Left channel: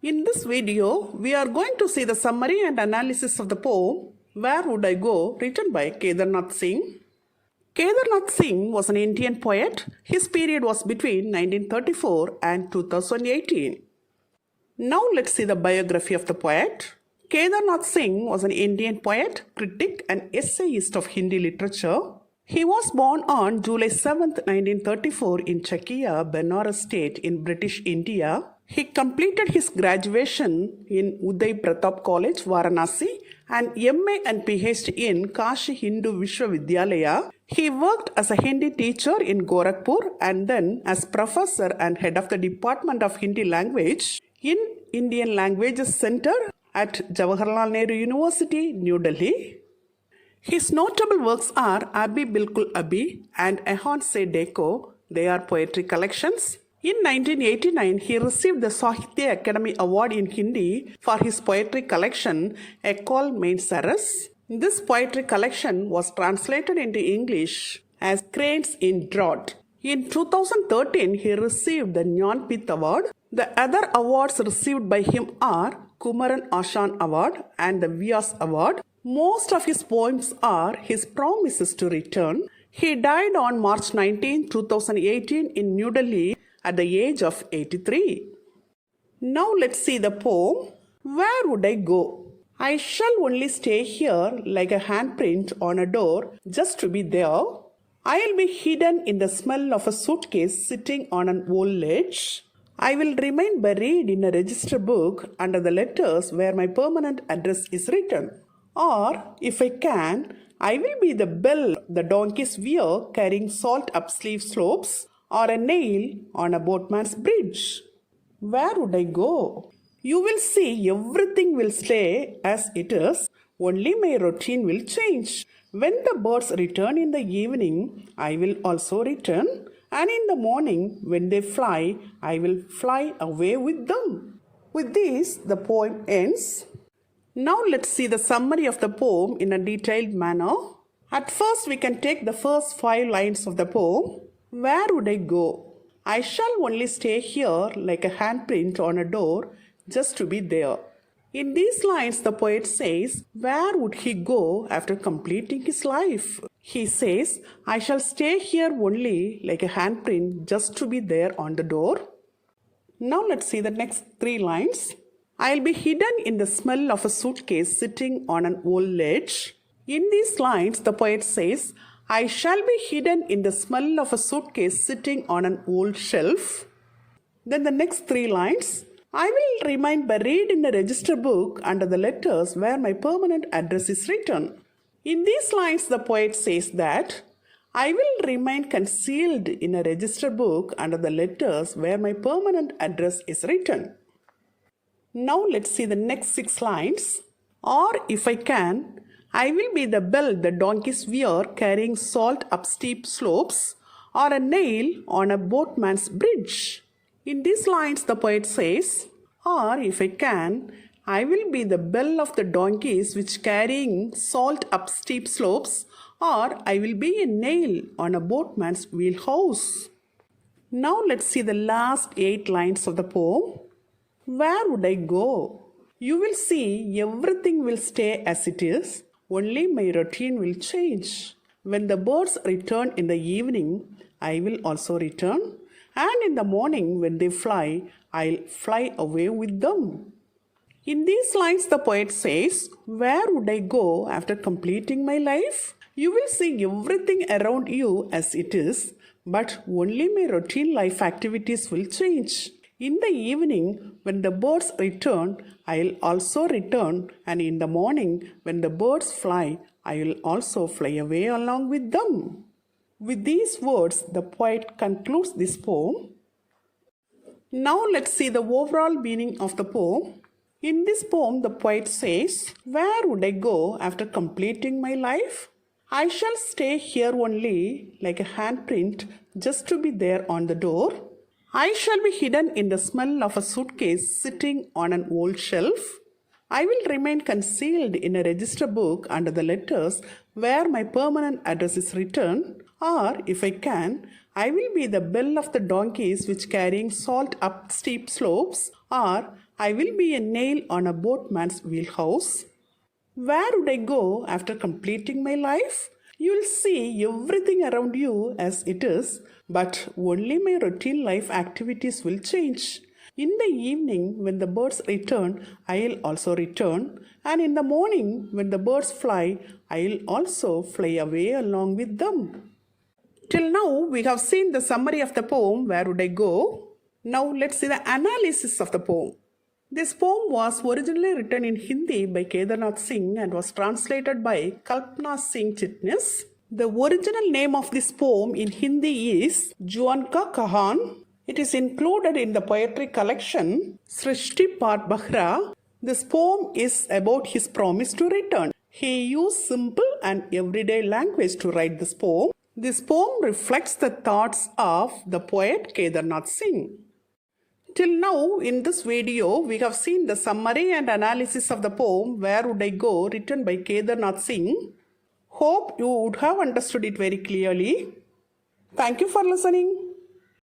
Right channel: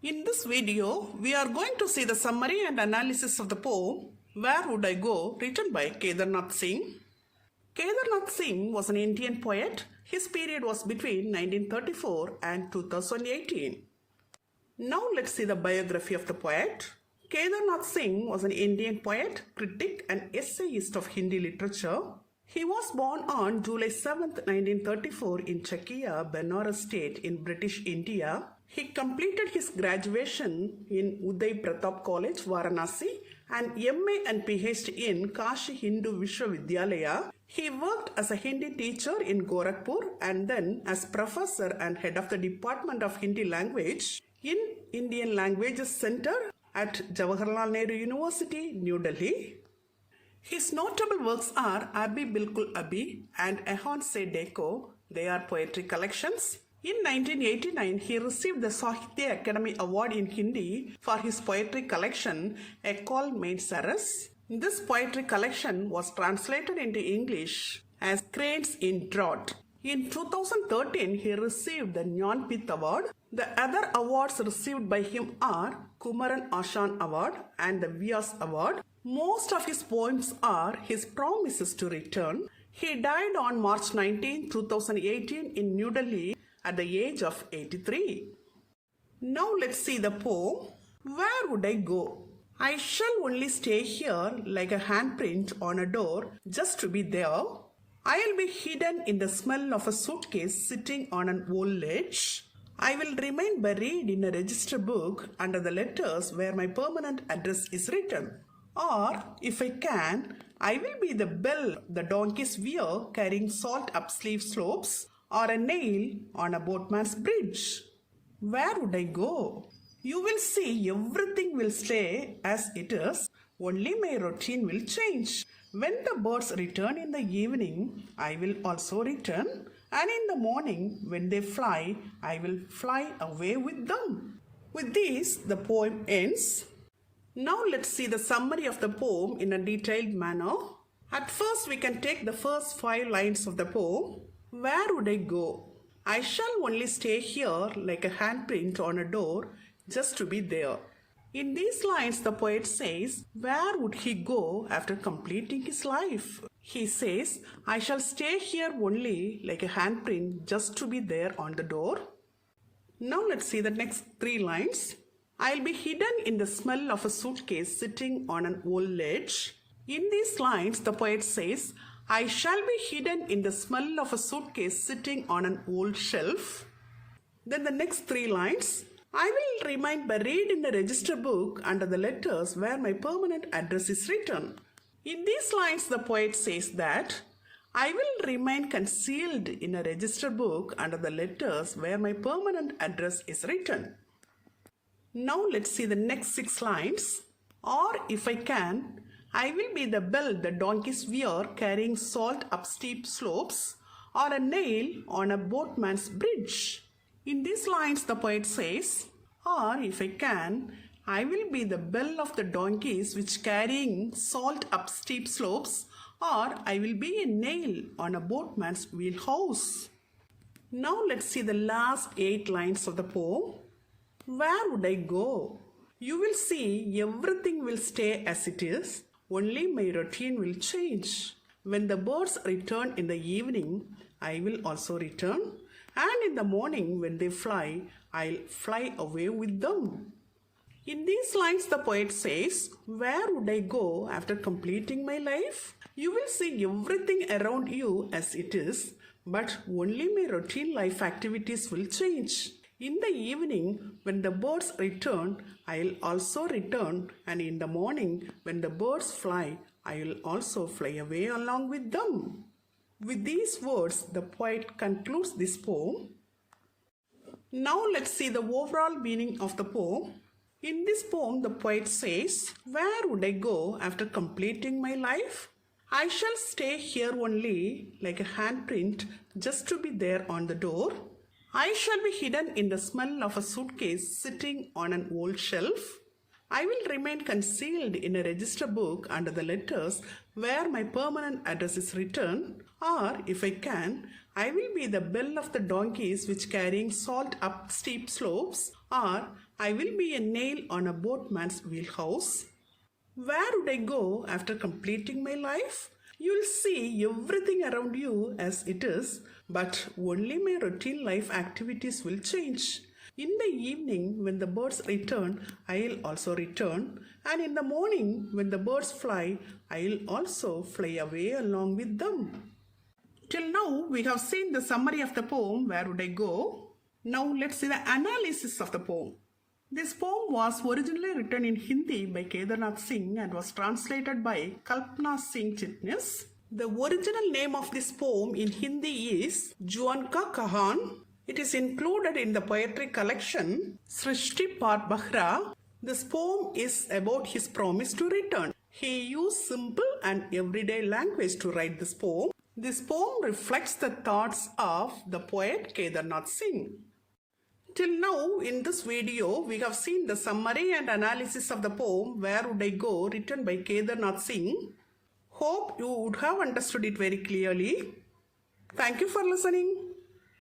In this video, we are going to see the summary and analysis of the poem Where Would I Go, written by Kedarnath Singh. Kedarnath Singh was an Indian poet. His period was between 1934 and 2018. Now let's see the biography of the poet. Kedarnath Singh was an Indian poet, critic and essayist of Hindi literature. He was born on July 7, 1934 in Chakia, Benares State in British India. He completed his graduation in Uday Pratap College, Varanasi, and MA and PhD in Kashi Hindu Vishwavidyalaya. He worked as a Hindi teacher in Gorakhpur and then as professor and head of the Department of Hindi Language in Indian Languages Center at Jawaharlal Nehru University, New Delhi. His notable works are Abhi Bilkul Abhi and Ehon Se Dekho. They are poetry collections. In 1989, he received the Sahitya Academy Award in Hindi for his poetry collection, Ecole Main Saras. This poetry collection was translated into English as Cranes in Drought. In 2013, he received the Jnanpith Award. The other awards received by him are Kumaran Ashan Award and the Vyas Award. Most of his poems are his promises to return. He died on March 19, 2018 in New Delhi at the age of 83. Now let's see the poem. Where would I go? I shall only stay here like a handprint on a door just to be there. I'll be hidden in the smell of a suitcase sitting on an old ledge. I will remain buried in a register book under the letters where my permanent address is written. Or, if I can, I will be the bell the donkeys wear carrying salt up steep slopes or a nail on a boatman's bridge. Where would I go? You will see everything will stay as it is, only my routine will change. When the birds return in the evening, I will also return, and in the morning when they fly, I will fly away with them. With this, the poem ends. Now let's see the summary of the poem in a detailed manner. At first, we can take the first 5 lines of the poem. Where would I go? I shall only stay here like a handprint on a door just to be there. In these lines, the poet says, where would he go after completing his life? He says, I shall stay here only like a handprint just to be there on the door. Now let's see the next 3 lines. I'll be hidden in the smell of a suitcase sitting on an old ledge. In these lines, the poet says, I shall be hidden in the smell of a suitcase sitting on an old shelf. Then the next 3 lines, I will remain buried in a register book under the letters where my permanent address is written. In these lines, the poet says that I will remain concealed in a register book under the letters where my permanent address is written. Now let's see the next 6 lines. Or if I can, I will be the bell the donkeys wear carrying salt up steep slopes or a nail on a boatman's bridge. In these lines, the poet says, or if I can, I will be the bell of the donkeys which carrying salt up steep slopes, or I will be a nail on a boatman's wheelhouse. Now let's see the last 8 lines of the poem. Where would I go? You will see everything will stay as it is, only my routine will change. When the birds return in the evening, I will also return. And in the morning when they fly, I'll fly away with them. In these lines, the poet says, where would I go after completing my life? You will see everything around you as it is, but only my routine life activities will change. In the evening, when the birds return, I'll also return, and in the morning, when the birds fly, I will also fly away along with them. With these words, the poet concludes this poem. Now let's see the overall meaning of the poem. In this poem, the poet says, where would I go after completing my life? I shall stay here only like a handprint just to be there on the door. I shall be hidden in the smell of a suitcase sitting on an old shelf. I will remain concealed in a register book under the letters where my permanent address is written, or if I can, I will be the bell of the donkeys which carrying salt up steep slopes, or I will be a nail on a boatman's wheelhouse. Where would I go after completing my life? You'll see everything around you as it is, but only my routine life activities will change. In the evening, when the birds return, I'll also return, and in the morning, when the birds fly, I'll also fly away along with them. Till now, we have seen the summary of the poem, Where Would I Go? Now, let's see the analysis of the poem. This poem was originally written in Hindi by Kedarnath Singh and was translated by Kalpana Singh Chitnis. The original name of this poem in Hindi is Juan Ka Kahan. It is included in the poetry collection Srishti Part Bahra. This poem is about his promise to return. He used simple and everyday language to write this poem. This poem reflects the thoughts of the poet Kedarnath Singh. Till now, in this video, we have seen the summary and analysis of the poem Where Would I Go, written by Kedarnath Singh. Hope you would have understood it very clearly. Thank you for listening.